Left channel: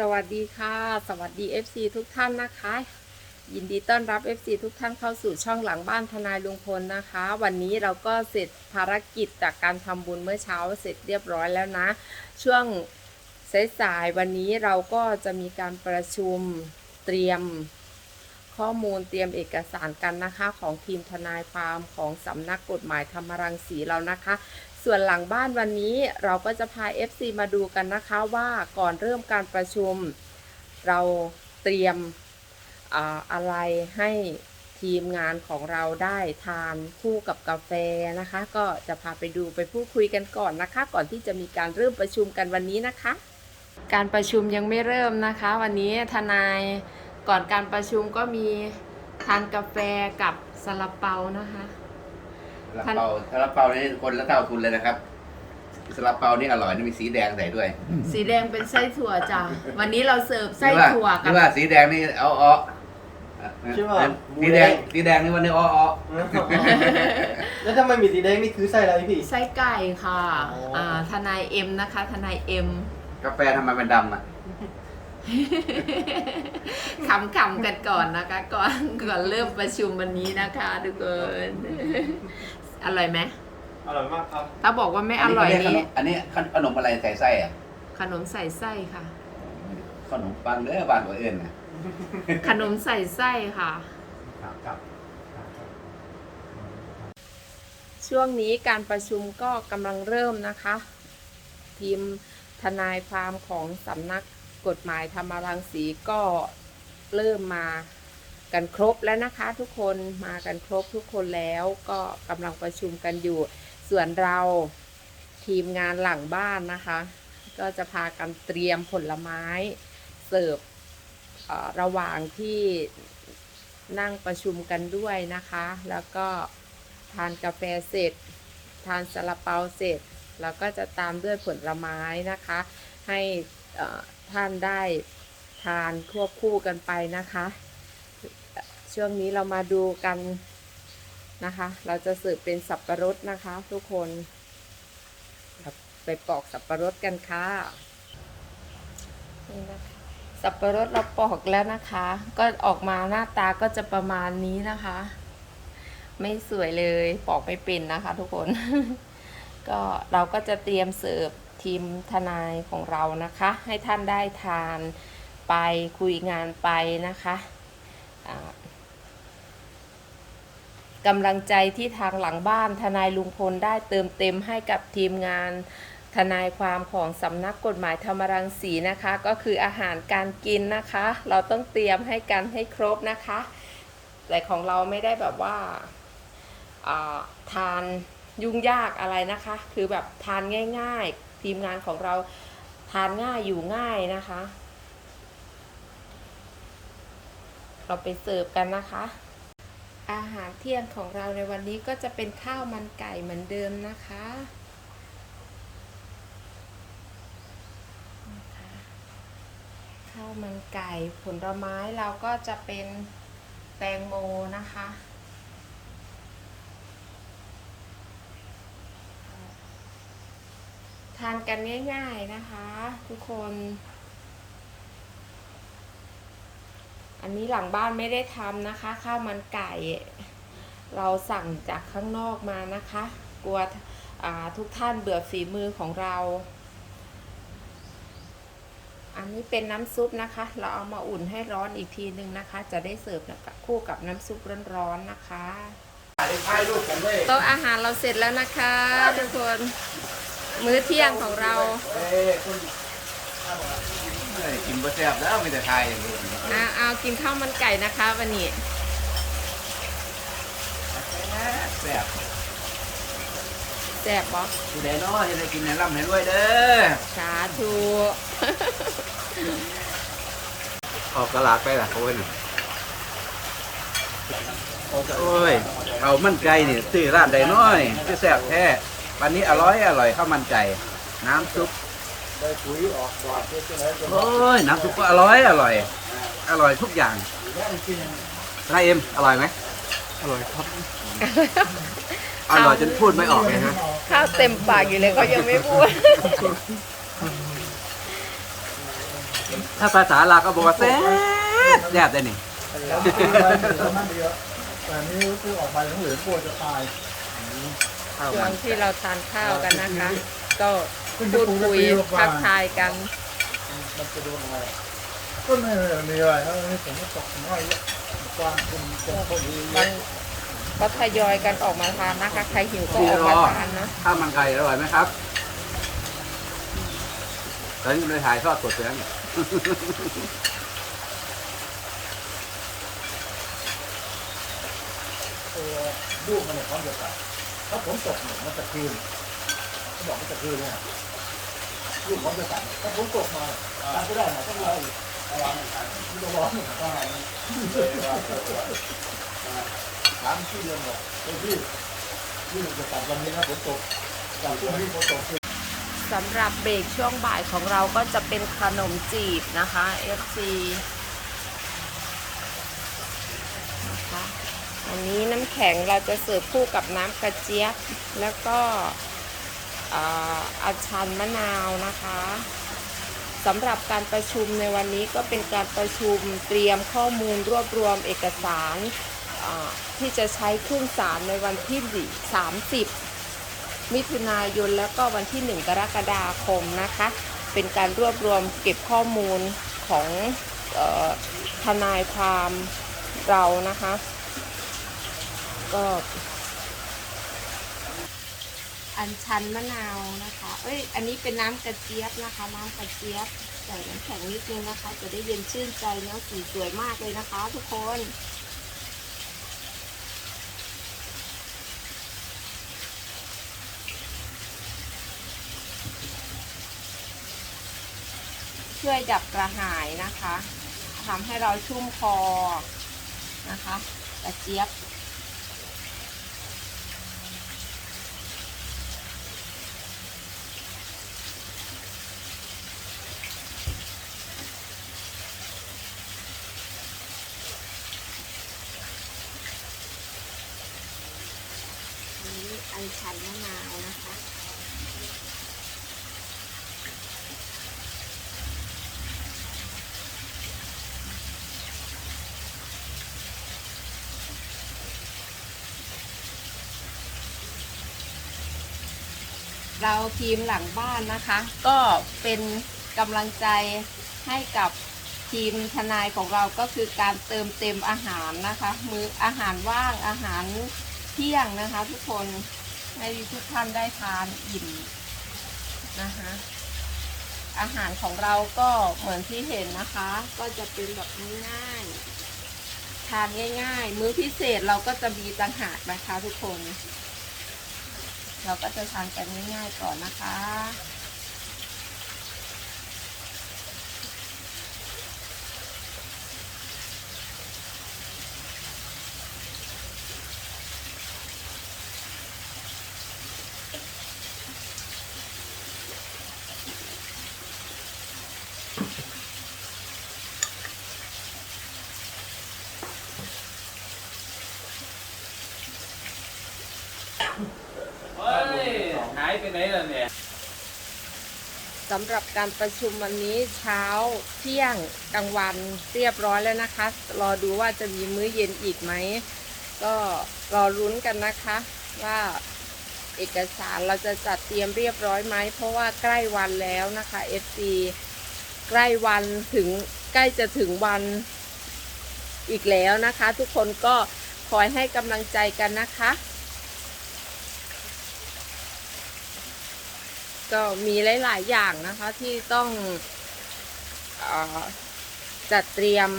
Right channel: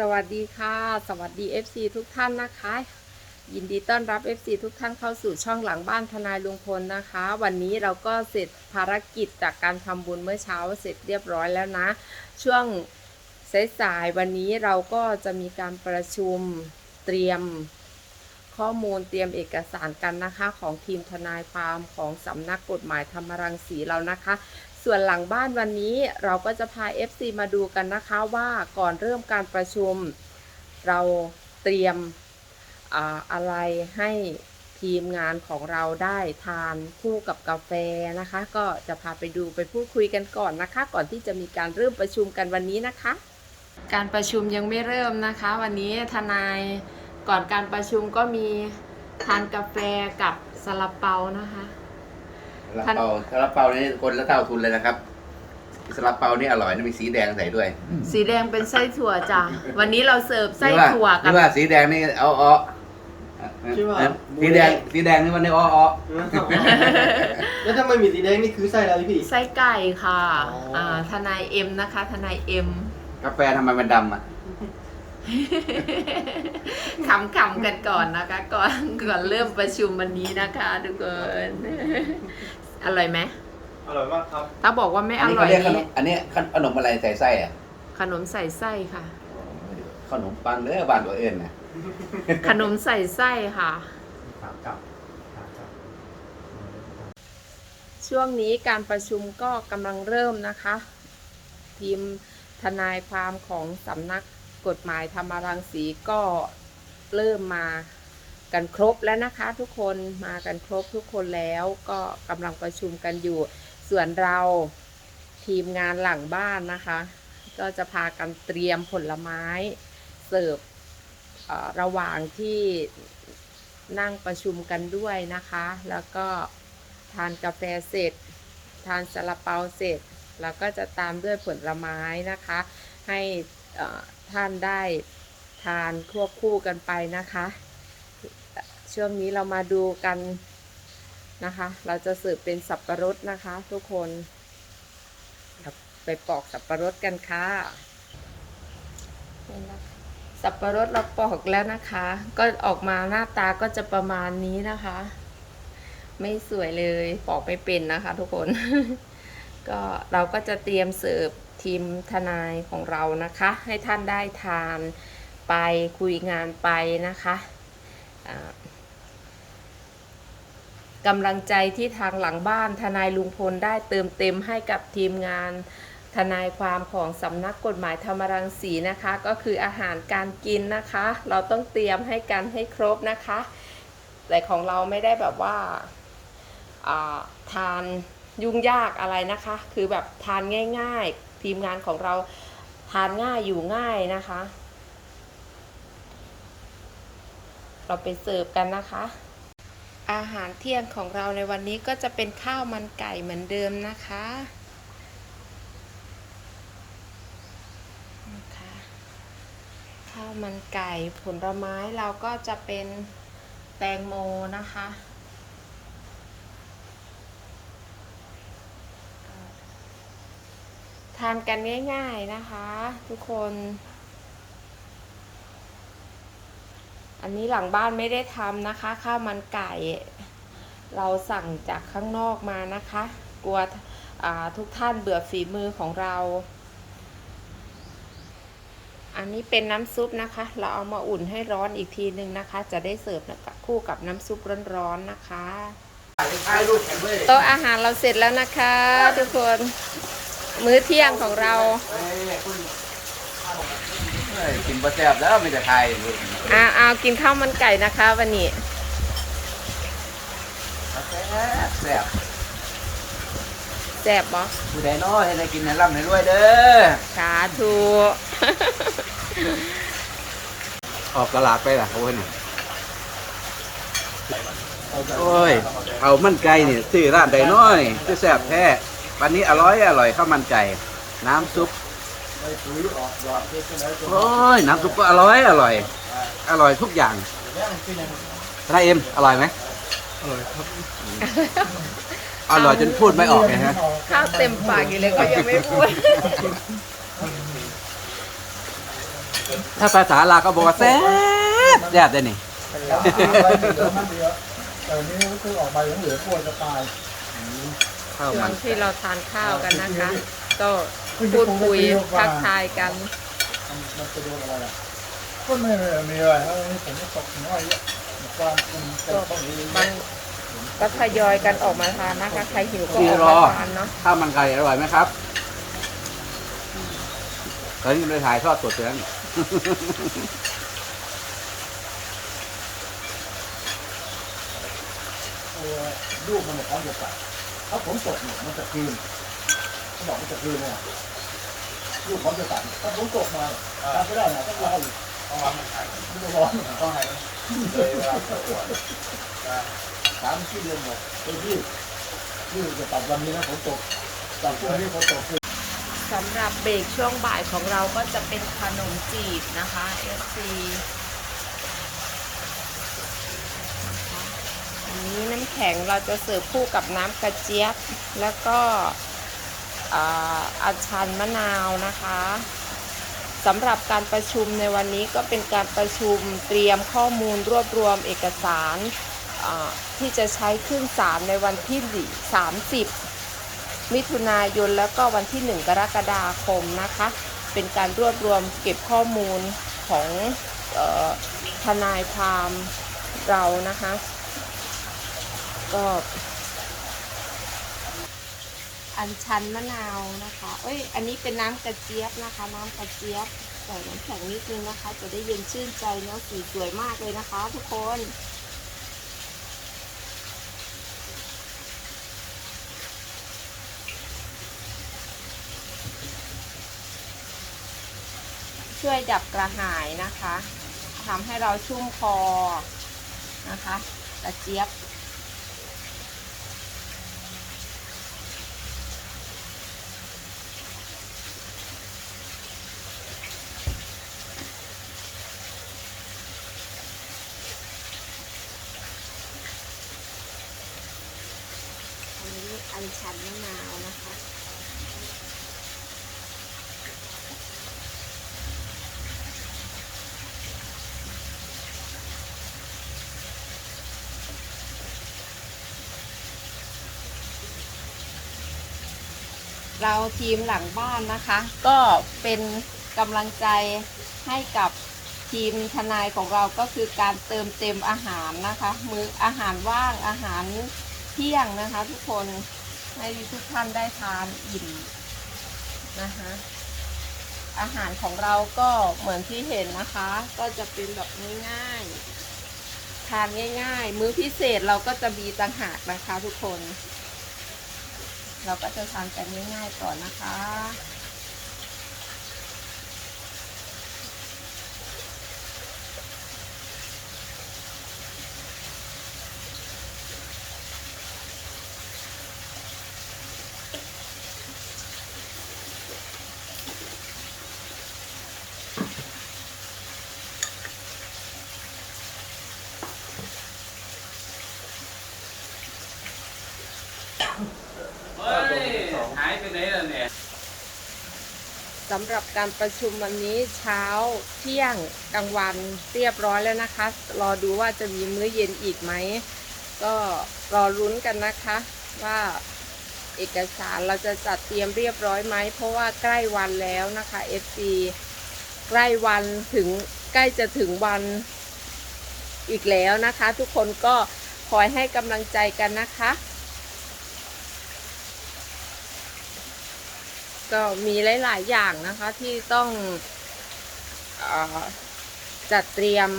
สวัสดีค่ะ สวัสดี FC ทุกท่านนะคะ ยินดีต้อนรับ FC ทุกท่านเข้าสู่ช่องหลังบ้านทนายลุงพลนะคะ วันนี้เราก็เสร็จภารกิจจากการทำบุญเมื่อเช้าเสร็จเรียบร้อยแล้วนะ ช่วงสายๆวันนี้เราก็จะมีการประชุมเตรียมข้อมูลเตรียมเอกสารกันนะคะ ของทีมทนายความของสำนักกฎหมายธรรมรังสีเรานะคะ ส่วนหลังบ้านวันนี้เราก็จะพา FC มาดูกันนะคะว่าก่อนเริ่มการประชุม เราเตรียมอะไรให้ทีมงานของเราได้ทานคู่กับกาแฟนะคะ ก็จะพาไปดูไปพูดคุยกันก่อนนะคะ ก่อนที่จะมีการเริ่มประชุมกันวันนี้นะคะ การประชุมยังไม่เริ่มนะคะ วันนี้ทนายก่อนการประชุมก็มีทานกาแฟกับซาลาเปานะคะ ซาลาเปาซาลาเปานี่คนละเท่าทุนเลยนะครับซาลาเปานี่อร่อยนะมีสีแดงใส่ด้วยสีแดงเป็นไส้ถั่วจ้ะวันนี้เราเสิร์ฟไส้ถั่วหกัรืบ อว่าสีแดงนี่เอาเอาใช่ป่ะ สีแดงสีแดงนี่วันนี้อ้ออ้อแล้วถ้าไม่มีสีแดงนี่คือไส้อะไรพี่ ไส้ไก่ค่ะอ๋ออ่อ่าทนายเอ็มนะคะ ทนายเอ็มกาแฟทำไมมันดำอะ ขำๆกันก่อนนะคะ ก่อนก่อนเริ่มประชุมวันนี้นะคะทุกคนอร่อยไหมอร่อยมากครับถ้าบอกว่าไม่อร่อยนนี้นี้ อันนี้ขนมอะไรใส่ไส้อะขนมใส่ไส้ค่ะ ขนมปังเด้อบ้านตัวเอ็นน่ะขนมใส่ไส้ค่ะ ช่วงนี้การประชุมก็กำลังเริ่มนะคะ ทีมทนายความของสำนัก กฎหมายธรรมรังสีก็เริ่มมากันครบแล้วนะคะ ทุกคนมากันครบทุกคนแล้วก็กำลังประชุมกันอยู่ ส่วนเราทีมงานหลังบ้านนะคะ ก็จะพากันเตรียมผลไม้เสิร์ฟระหว่างที่นั่งประชุมกันด้วยนะคะ แล้วก็ทานกาแฟเสร็จ ทานซาลาเปาเสร็จ แล้วก็จะตามด้วยผลไม้นะคะ ให้ ท่านได้ทานควบคู่กันไปนะคะ ช่วงนี้เรามาดูกันนะคะ เราจะเสิร์ฟเป็นสับปะรดนะคะ ทุกคนไปปอกสับปะรดกันค่ะนี่นะคะสับปะรดเราปอกแล้วนะคะ ก็ออกมาหน้าตาก็จะประมาณนี้นะคะ ไม่สวยเลยปอกไม่เป็นนะคะ ทุกคน ก็เราก็จะเตรียมเสิร์ฟ ทีมทนายของเรานะคะ ให้ท่านได้ทานไปคุยงานไปนะคะกำลังใจที่ทางหลังบ้านทนายลุงพลได้เติมเต็มให้กับทีมงานทนายความของสำนักกฎหมายธรรมรังสีนะคะ ก็คืออาหารการกินนะคะ เราต้องเตรียมให้กันให้ครบนะคะ แต่ของเราไม่ได้แบบว่าาทานยุ่งยากอะไรนะคะ คือแบบทานง่าย ๆ ทีมงานของเราทานง่ายอยู่ง่ายนะคะ เราไปเสิร์ฟกันนะคะ อาหารเที่ยงของเราในวันนี้ก็จะเป็นข้าวมันไก่เหมือนเดิมนะคะข้าวมันไก่ผลไม้เราก็จะเป็นแตงโมนะคะ ทานกันง่ายๆนะคะ ทุกคน อันนี้หลังบ้านไม่ได้ทำนะคะ ข้าวมันไก่ เราสั่งจากข้างนอกมานะคะ กลัวอ่าทุกท่านเบื่อฝีมือของเรา อันนี้เป็นน้ำซุปนะคะ เราเอามาอุ่นให้ร้อนอีกทีนึงนะคะ จะได้เสิร์ฟกับคู่กับน้ำซุปร้อนๆนะคะถ่ายรูปกันเลยโต๊ะอาหารเราเสร็จแล้วนะคะ ทุกคน มื้อเที่ยงของเราเอ้ยคุณเอ้ยกินบะแซ่บแล้วไม่จะถ่ายรูปนะอาเอากินข้าวมันไก่นะคะ วันนี้แซ่บแซ่บแซ่บบ่ผู้ใดน้อยได้กินในร่ำให้ด้วยเด้อสาธุออกตลาดไปล่ะเขาเพิ่นโอ้ยเอามันไก่นี่ซื้อร้านใดน้อยคือแซ่บแท้ วันนี้อร่อยอร่อยข้าวมันไก่น้ำซุปโอ้ยน้ำซุปก็อร่อยอร่อย อร่อยทุกอย่างนายเอ็มอร่อยไหมอร่อยครับอร่อยจนพูดไม่ออกเลยฮะข้าวเต็มปากอยู่เลยเขายังไม่พูด ถ้าภาษาลาวก็บอกว่าแซ่บแซ่บเลยนี่เหรอไปเหลืองนั่นเดียวแต่อันนี้คือออกมาเหลืองๆปวดจะปลาย ช่วงที่เราทานข้าวกันนะคะ ก็พูดคุยทักทายกันมันมันจะโดนอะไรอะก็ไม่มีอะไรครับอันนี้ผมก็ตกน้อยเยอะกว้างเป็นเป็นต้นนี้บางก็ทยอยกันออกมาทานนะคะ ใครหิวก็ออกมาทานเนาะข้าวมันไก่อร่อยไหมครับเฮ้ยเลยถ่ายทอดสดแล้วนี่เออลูกมันเนี่ยพร้อมจะตัด ถ้าผมตกเนี่ยมันจะคืนเขาบอกมันจะคืนเนี่ยลูกพร้อมจะตัดถ้าผมตกมาเนี่ยตัดไม่ได้นะต้องรออีกต้องวางมันขายมันจะร้อนต้องให้มันสามที่เดือนบอกไปที่ที่จะตัดวันนี้นะผมตกตัดพรุ่งนี้เขาตกสำหรับเบรกช่วงบ่ายของเราก็จะเป็นขนมจีบนะคะ FC นะคะ อันนี้น้ำแข็งเราจะเสิร์ฟคู่กับน้ำกระเจี๊ยบ แล้วก็อัญชันมะนาวนะคะสำหรับการประชุมในวันนี้ก็เป็นการประชุมเตรียมข้อมูลรวบรวมเอกสารที่จะใช้ขึ้นศาลในวันที่ 30 มิถุนายนแล้วก็วันที่ 1 กรกฎาคมนะคะ เป็นการรวบรวมเก็บข้อมูลของออทนายความเรานะคะ ก็อันชันมะนาวนะคะ เอ้ย อันนี้เป็นน้ำกระเจี๊ยบนะคะ น้ำกระเจี๊ยบใส่น้ำแข็งนิดนึงนะคะ จะได้เย็นชื่นใจเนาะสีสวยมากเลยนะคะ ทุกคน ช่วยดับกระหายนะคะทำให้เราชุ่มคอนะคะ กระเจี๊ยบ อันนี้อัญชันมะนาวนะคะเราทีมหลังบ้านนะคะ ก็เป็นกำลังใจให้กับทีมทนายของเราก็คือการเติมเต็มอาหารนะคะ มื้ออาหารว่างอาหารเที่ยงนะคะทุกคน ให้ทุกท่านได้ทานอิ่มนะคะอาหารของเราก็เหมือนที่เห็นนะคะ ก็จะเป็นแบบง่ายๆทานง่ายๆ มื้อพิเศษเราก็จะมีต่างหากนะคะทุกคน เราก็จะทานกันง่ายๆก่อนนะคะ หายไปไหนแล้วเนี่ยสำหรับการประชุมวันนี้เช้าเที่ยงกลางวันเรียบร้อยแล้วนะคะ รอดูว่าจะมีมื้อเย็นอีกไหม ก็รอรุ้นกันนะคะว่าเอกสารเราจะจัดเตรียมเรียบร้อยไหม เพราะว่าใกล้วันแล้วนะคะ FC ใกล้วันถึงใกล้จะถึงวันอีกแล้วนะคะ ทุกคนก็คอยให้กำลังใจกันนะคะ ก็มีหลาย ๆ อย่างนะคะที่ต้องอจัดเตรียม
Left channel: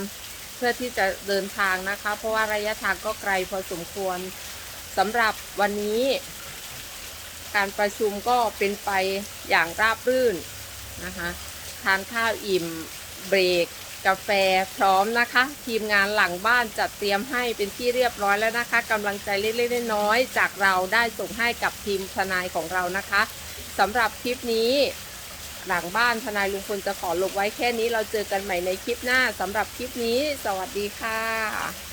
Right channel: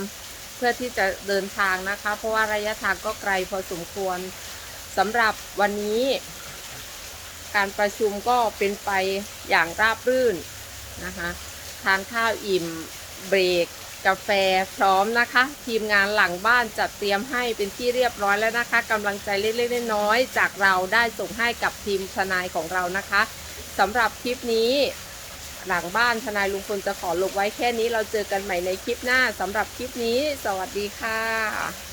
เพื่อที่จะเดินทางนะคะ เพราะว่าระยะทางก็ไกลพอสมควรสำหรับวันนี้ การประชุมก็เป็นไปอย่างราบรื่นนะคะทานข้าวอิ่มเบรกกาแฟพร้อมนะคะ ทีมงานหลังบ้านจัดเตรียมให้เป็นที่เรียบร้อยแล้วนะคะกำลังใจเล็กๆน้อยๆจากเราได้ส่งให้กับทีมทนายของเรานะคะ สำหรับคลิปนี้ หลังบ้านทนายลุงพลจะขอลงไว้แค่นี้เราเจอกันใหม่ในคลิปหน้าสำหรับคลิปนี้ สวัสดีค่ะ